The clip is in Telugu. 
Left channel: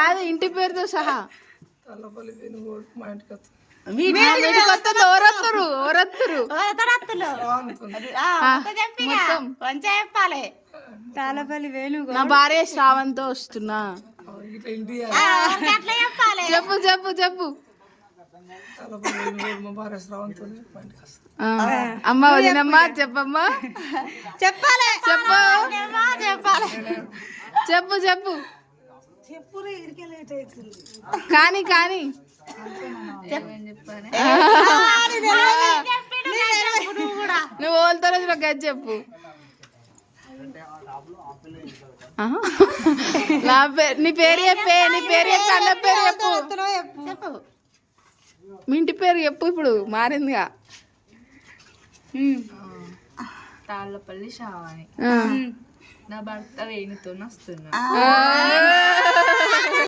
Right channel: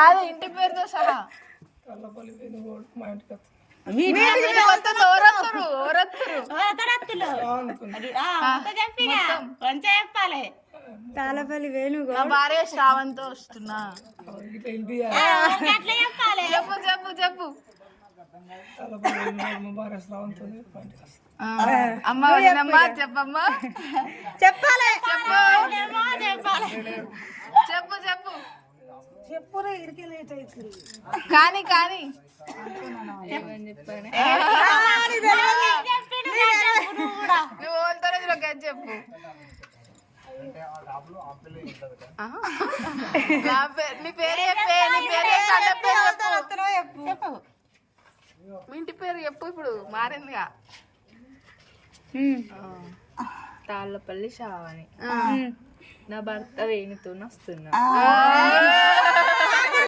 కాదు ఇంటి పేరుతో సహా తాళ్ళపల్లి వేణుగోపాల్ మా ఇంటికి వస్తుంది. తాళపల్లి వేణుగో నా భార్య శ్రావంతో వస్తున్నా. ఇట్లా ఇంటి చెప్పు చెప్పు చెప్పు. తాళ్ళపల్లి వేణుగోపాల్ మా భార్య శ్రావంతో మా ఇంటికి వస్తుంది. అమ్మ వదినమ్మా చెప్పమ్మా. చెప్పాలి చెప్పు చెప్పు చెప్పు చెప్పురే ఇడికే లేట్ అవుతుంది కానీ కానీ నువ్వు ఓల్తారో నాకు అది చెప్పు. నీ పేరు చెప్పే, నీ పేరు చెప్పి అన్న పేరు చెప్పు. మీ ఇంటి పేరు చెప్పు, ఇప్పుడు మారిందిగా. తాళ్ళపల్లి శ్రావణి. నా భర్త వేణుతో వస్తున్నా.